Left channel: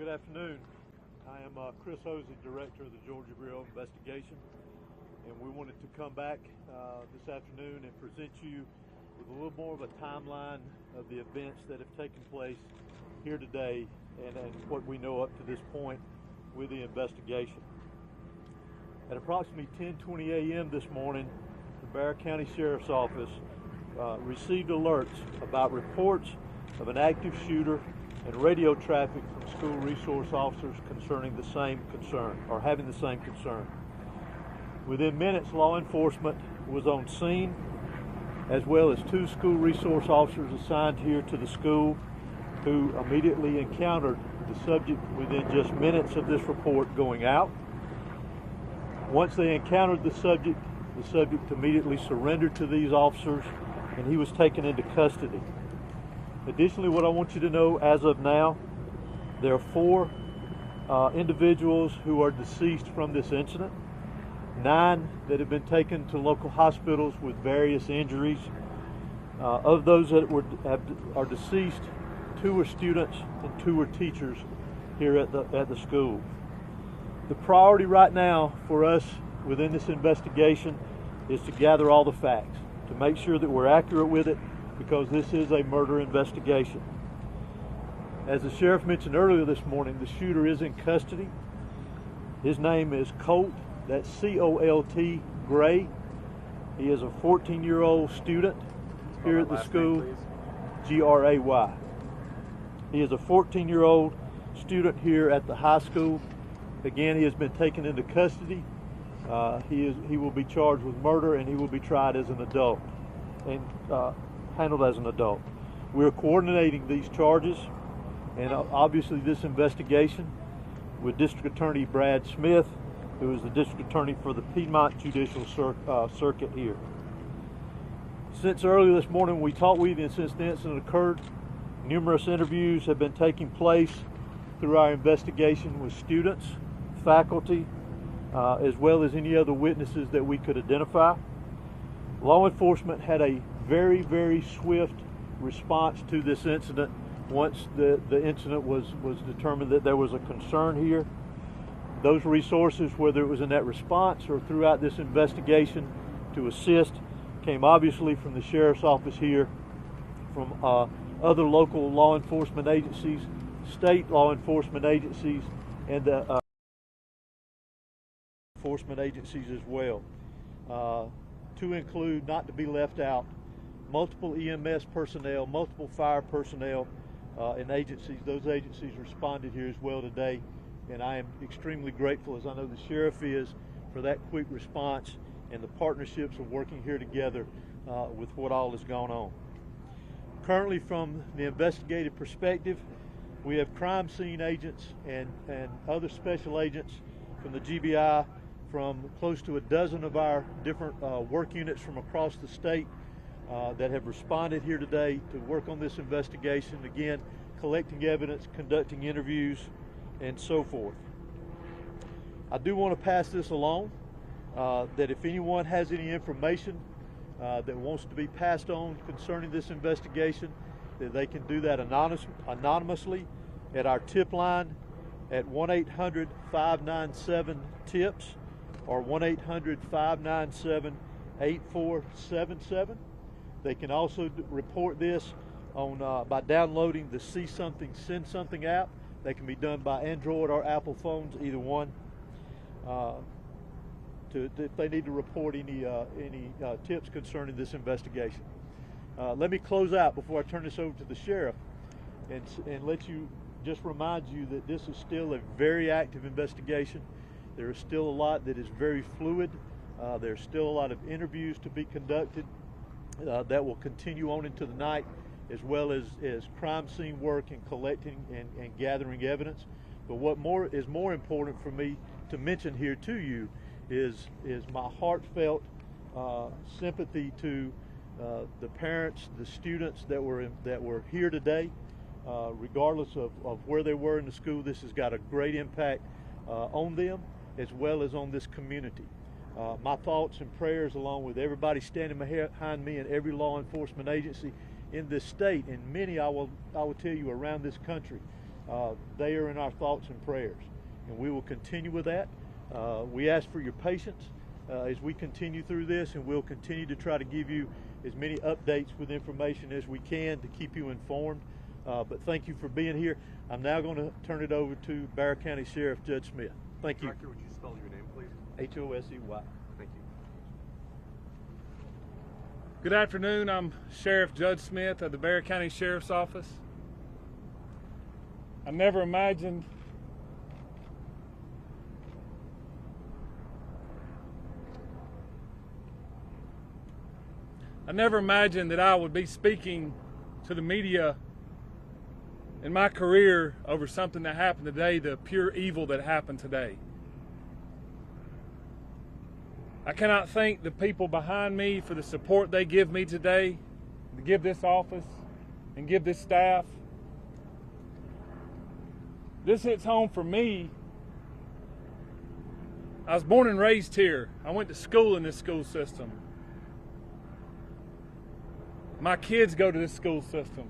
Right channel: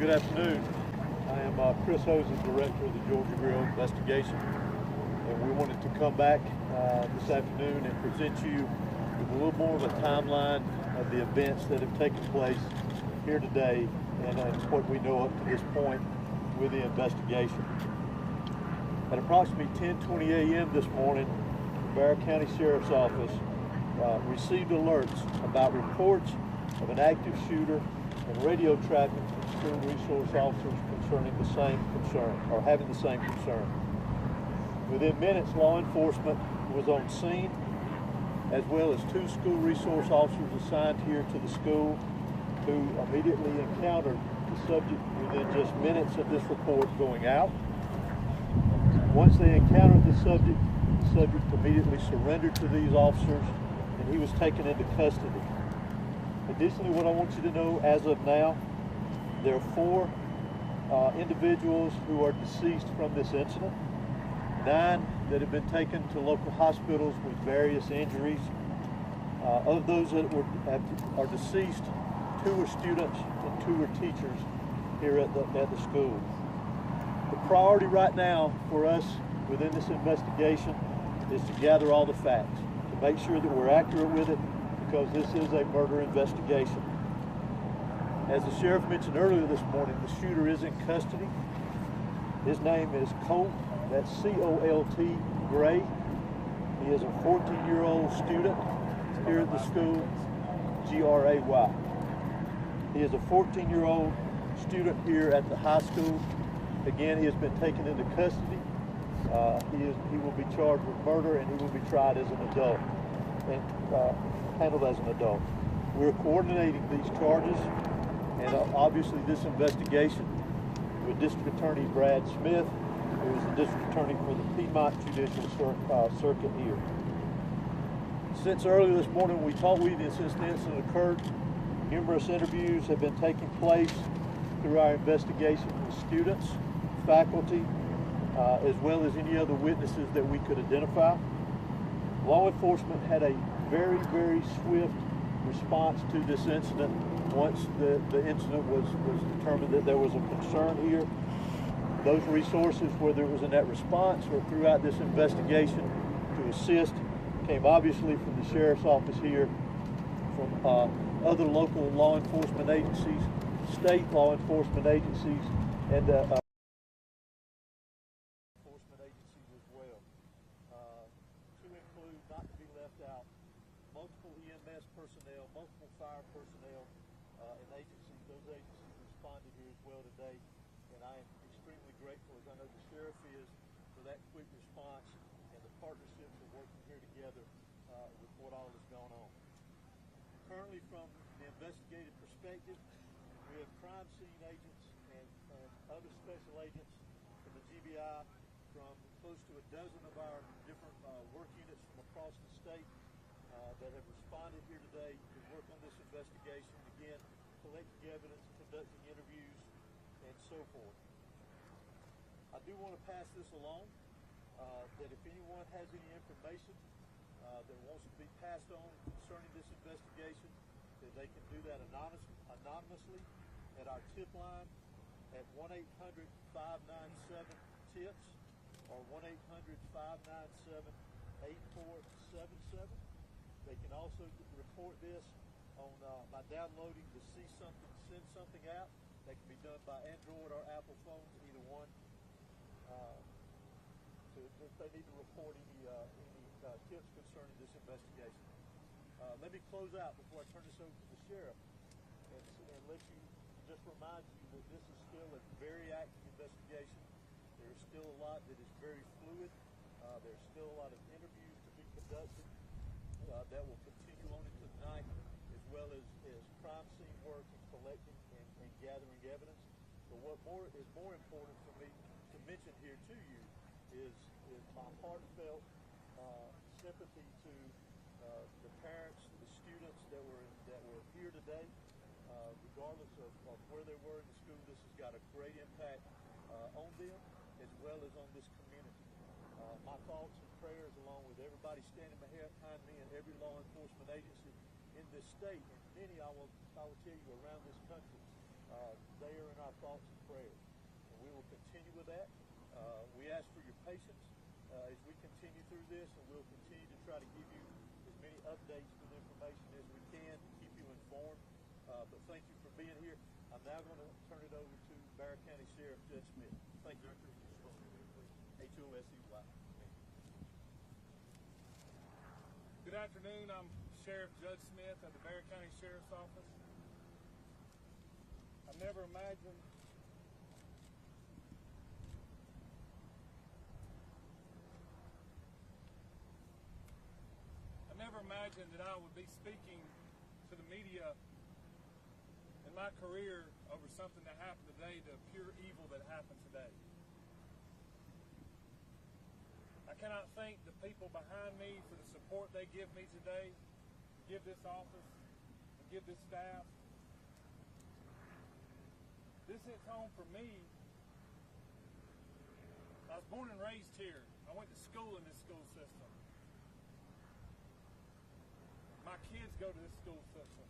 Good afternoon. I am Chris Hosen, Director of the Georgia Grill Investigation, and we wanted to come back this afternoon and present you with a little more of a timeline of the events that have taken place here today and what we know up to this point with the investigation. At approximately 10:20 a.m. this morning, the Broward County Sheriff's Office received alerts about reports of an active shooter and radio traffic from school resource officers concerning the same concern, or having the same concern. Within minutes, law enforcement was on scene, as well as 2 school resource officers assigned here to the school who immediately encountered the subject within just minutes of this report going out. Once they encountered the subject immediately surrendered to these officers and he was taken into custody. Additionally, what I want you to know as of now, there are 4 individuals who are deceased from this incident, 9 that have been taken to local hospitals with various injuries. Of those that are deceased, 2 are students and 2 are teachers here at the school. The priority right now for us within this investigation is to gather all the facts, to make sure that we're accurate with it, because this is a murder investigation. As the sheriff mentioned earlier this morning, the shooter is in custody. His name is Colt, that's C-O-L-T, Gray. He is a 14-year-old student here at the school, G-R-A-Y. He is a 14-year-old student here at the high school. Again, he has been taken into custody. He will be charged with murder and he will be tried as an adult and handled as an adult. We are coordinating these charges and obviously this investigation with District Attorney Brad Smith, who is the District Attorney for the Piedmont Judicial Circuit here. Since earlier this morning we talked with you and since the incident occurred, numerous interviews have been taking place through our investigation with students, faculty, as well as any other witnesses that we could identify. Law enforcement had a very, very swift response to this incident once the incident was determined that there was a concern here. Those resources, whether it was in that response or throughout this investigation to assist, came obviously from the sheriff's office here, from other local law enforcement agencies, state law enforcement agencies, and enforcement agencies as well. To include, not to be left out, multiple EMS personnel, multiple fire personnel, and agencies. Those agencies responded here as well today, and I am extremely grateful, as I know the sheriff is, for that quick response and the partnerships of working here together with what all has gone on. Currently, from the investigative perspective, we have crime scene agents and other special agents from the GBI, from close to a dozen of our different work units from across the state that have responded here today to work on this investigation, again, collecting evidence, conducting interviews, and so forth. I do want to pass this along, that if anyone has any information that wants to be passed on concerning this investigation, that they can do that anonymously at our tip line at 1-800-597-TIPS or 1-800-597-8477. They can also report this on by downloading the See Something, Send Something app. They can be done by Android or Apple phones, either one. If they need to report any tips concerning this investigation. Let me close out before I turn this over to the sheriff and just remind you that this is still a very active investigation. There is still a lot that is very fluid. There's still a lot of interviews to be conducted that will continue on into the night, as well as crime scene work and collecting and gathering evidence. But what is more important for me to mention here to you is my heartfelt sympathy to the parents, the students that were here today. Regardless of where they were in the school, this has got a great impact on them as well as on this community. My thoughts and prayers, along with everybody standing behind me and every law enforcement agency in this state, and many I will tell you around this country, they are in our thoughts and prayers, and we will continue with that. We ask for your patience as we continue through this, and we'll continue to try to give you as many updates with information as we can to keep you informed. But thank you for being here. I'm now going to turn it over to Bexar County Sheriff Judge Smith. Thank you. Director, would you spell your name, please? H-O-S-E-Y. Thank you. Good afternoon. I'm Sheriff Judge Smith of the Bexar County Sheriff's Office. I never imagined that I would be speaking to the media in my career over something that happened today, the pure evil that happened today. I cannot thank the people behind me for the support they give me today, to give this office and give this staff. This hits home for me. I was born and raised here. I went to school in this school system. My kids go to this school system.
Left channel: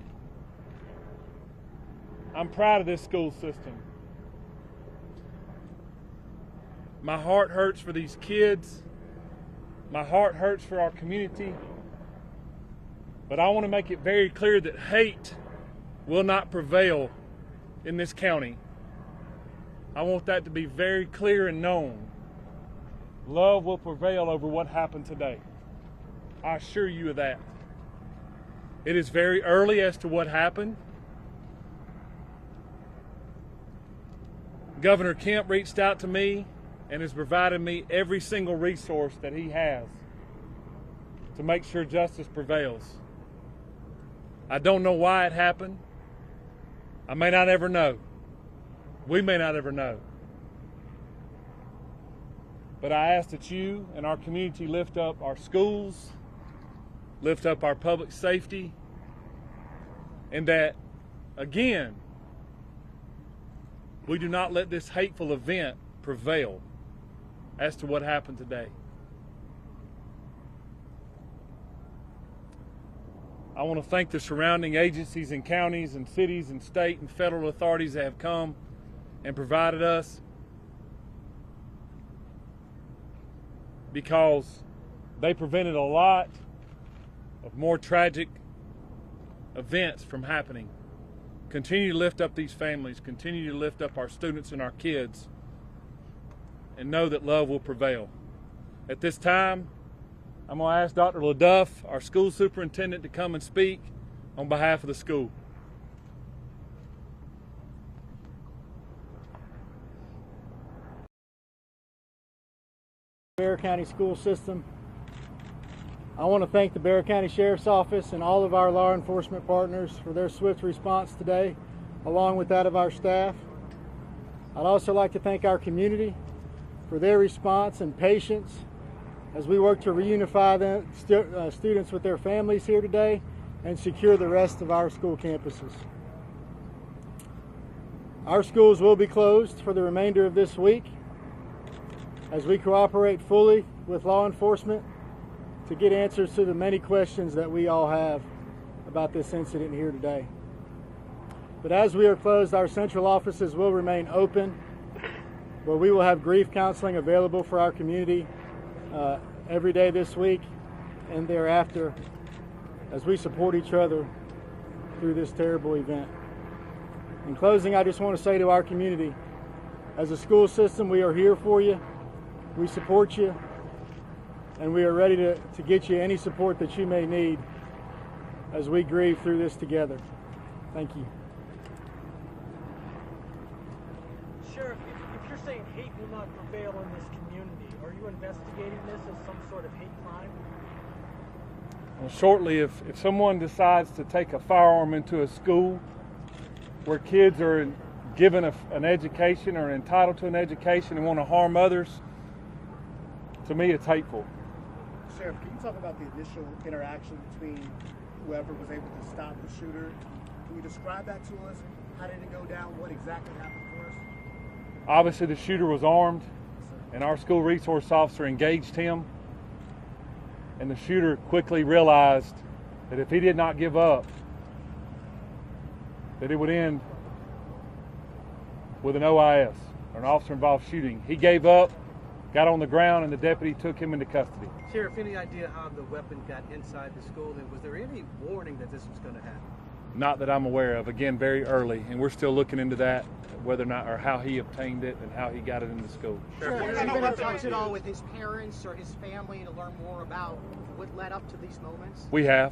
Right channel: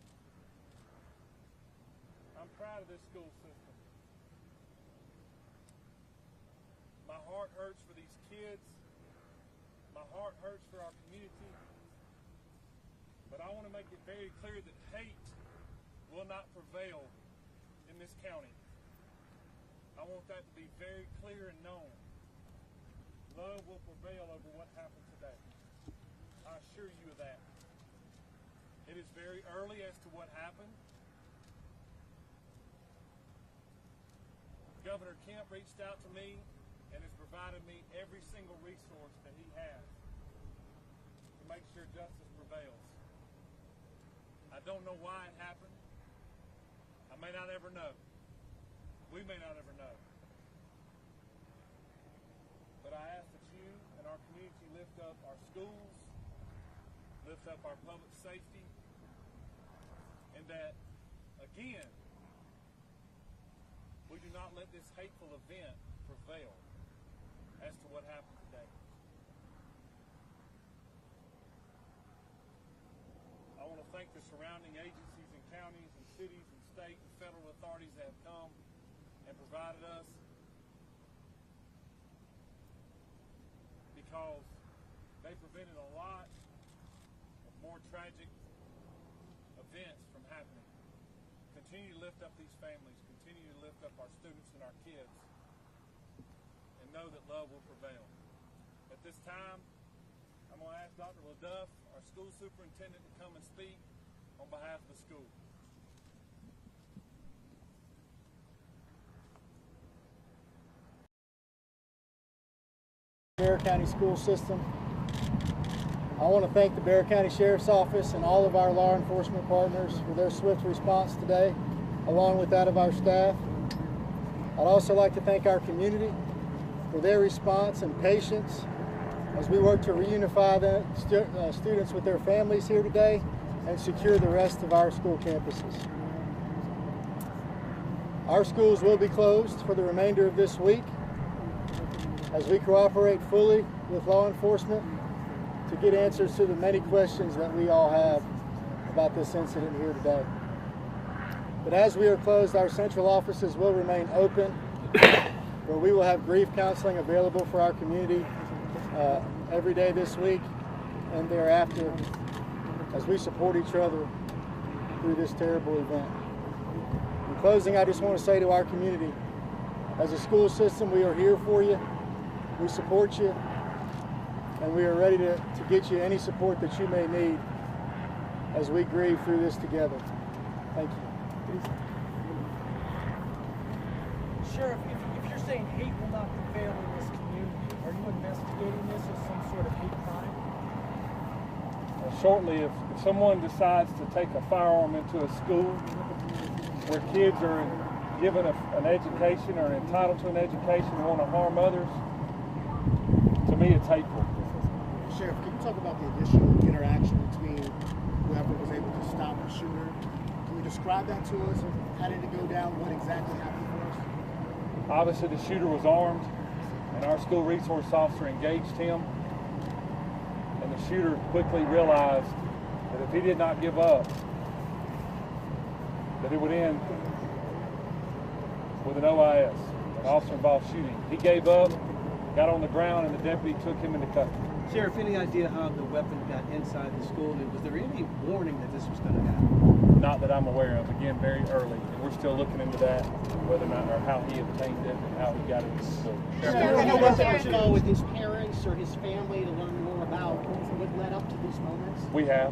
I'm proud of this school system. My heart hurts for these kids. My heart hurts for our community. But I want to make it very clear that hate will not prevail in this county. I want that to be very clear and known. Love will prevail over what happened today. I assure you of that. It is very early as to what happened. Governor Kemp reached out to me and has provided me every single resource that he has to make sure justice prevails. I don't know why it happened. I may not ever know. We may not ever know. But I ask that you and our community lift up our schools, lift up our public safety, and that, again, we do not let this hateful event prevail as to what happened today. I want to thank the surrounding agencies and counties and cities and state and federal authorities that have come and provided us, because they prevented a lot of more tragic events from happening. Continue to lift up these families, continue to lift up our students and our kids, and know that love will prevail. At this time, I'm going to ask Dr. LaDuff, our school superintendent, to come and speak on behalf of the school. Bexar County school system. I want to thank the Bexar County Sheriff's Office and all of our law enforcement partners for their swift response today, along with that of our staff. I'd also like to thank our community for their response and patience as we work to reunify the students with their families here today and secure the rest of our school campuses. Our schools will be closed for the remainder of this week as we cooperate fully with law enforcement to get answers to the many questions that we all have about this incident here today. But as we are closed, our central offices will remain open, where we will have grief counseling available for our community every day this week and thereafter as we support each other through this terrible event. In closing, I just want to say to our community, as a school system, we are here for you, we support you, and we are ready to get you any support that you may need as we grieve through this together. Thank you. Sheriff, if you're saying hate will not prevail in this community, are you investigating this as some sort of hate crime? Well, shortly, if someone decides to take a firearm into a school where kids are given an education or entitled to an education and want to harm others, to me it's hateful. Sheriff, can you talk about the initial interaction between whoever was able to stop the shooter? Can you describe that to us? How did it go down? What exactly happened for us? Obviously the shooter was armed, and our school resource officer engaged him, and the shooter quickly realized that if he did not give up, that it would end with an OIS, an officer involved shooting. He gave up, got on the ground, and the deputy took him into custody. Sheriff, any idea how the weapon got inside the school, and was there any warning that this was going to happen? Not that I'm aware of. Again, very early, and we're still looking into that, whether or not, or how he obtained it and how he got it into the school. Any contact at all with his parents or his family to learn more about what led up to these moments? We have.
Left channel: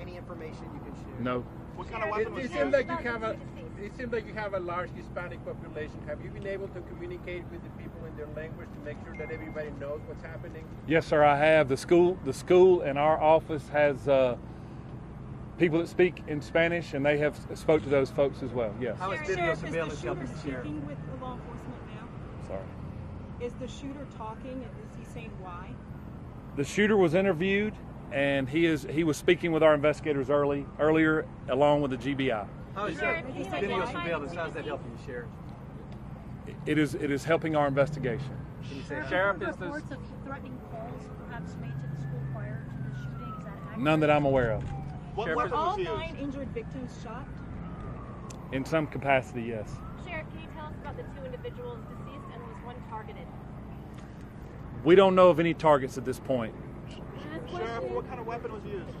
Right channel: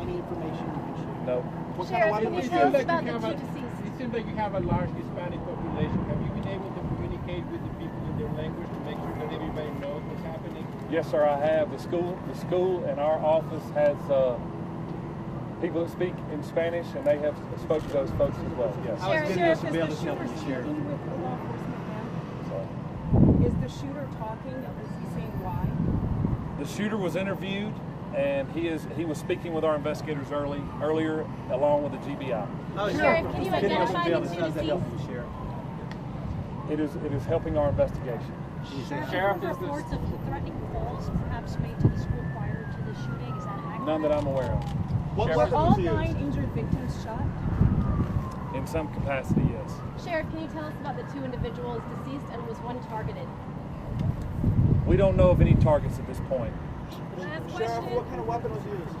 Any information you can share? No. What kind of weapon was It used? seems like it seems like you have a large Hispanic population. Have you been able to communicate with the people in their language to make sure that everybody knows what's happening? Yes, sir, I have. The school and our office has people that speak in Spanish, and they have spoke to those folks as well. Yes. How is video surveillance helping the sheriff? With law enforcement now? Sorry. Is the shooter talking and was he saying why? The shooter was interviewed, and he was speaking with our investigators earlier, along with the GBI. How is Sheriff, can you video identify the surveillance? two How's that deceased? helping you, Sheriff? It is helping our investigation. Can you say Sheriff, is reports of threatening calls perhaps made to the school prior to the shooting? Is that accurate? None that I'm aware of. What Were weapon all was used? 9 injured victims shot? In some capacity, yes. Sheriff, can you tell us about the 2 individuals deceased and was one targeted? We don't know of any targets at this point. Last Sheriff, question. what kind of weapon was used?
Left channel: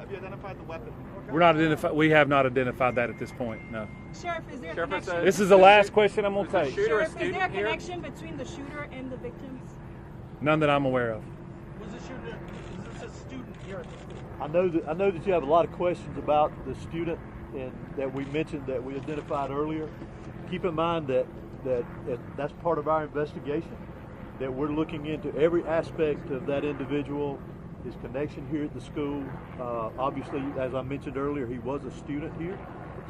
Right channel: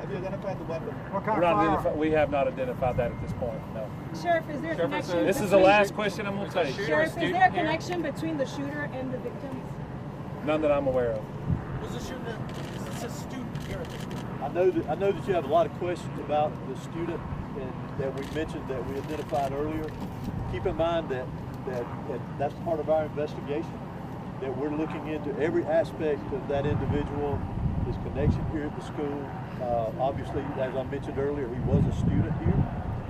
Have you identified the weapon? We have not identified that at this point. No. Sheriff, is there a connection? This is the last question I'm going to take. Sheriff, is there a connection between the shooter and the victims? None that I'm aware of. Was the shooter, is this a student here? I know that you have a lot of questions about the student and that we mentioned that we identified earlier. Keep in mind that that's part of our investigation, that we're looking into every aspect of that individual, his connection here at the school. Obviously, as I mentioned earlier, he was a student here.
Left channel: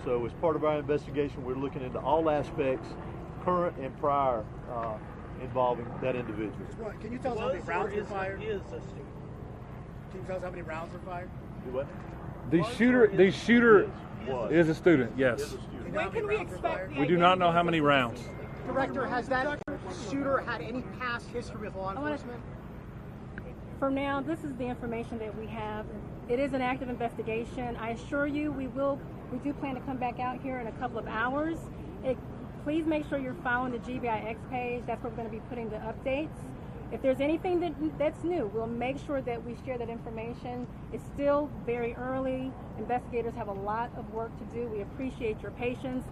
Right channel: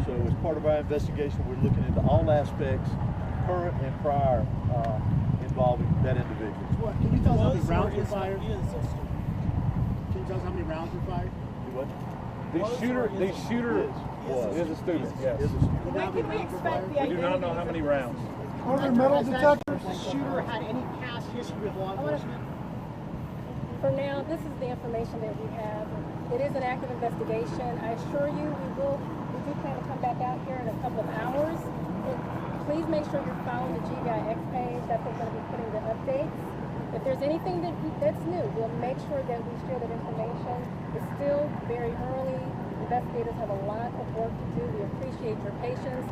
So as part of our investigation, we're looking into all aspects, current and prior, involving that individual. Can you tell us how many Was or rounds were is fired? a student? Can you tell us how many rounds were fired? Do what? The shooter is a student, yes. Is a student. You know how When many can we rounds were expect fired? the We do not know how many rounds. Director, has that shooter had any past history with law enforcement? For now, this is the information that we have. It is an active investigation. I assure you, we do plan to come back out here in a couple of hours. Please make sure you're following the GBIX page. That's what's going to be putting the updates. If there's anything that's new, we'll make sure that we share that information. It's still very early. Investigators have a lot of work to do. We appreciate your patience.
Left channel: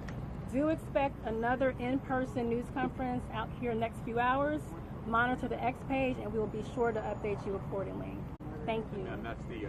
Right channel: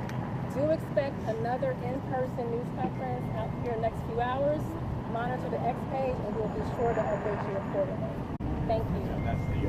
Do expect another in-person news conference out here in the next few hours. Monitor the X page, and we'll be sure to update you accordingly. Thank you. And that's the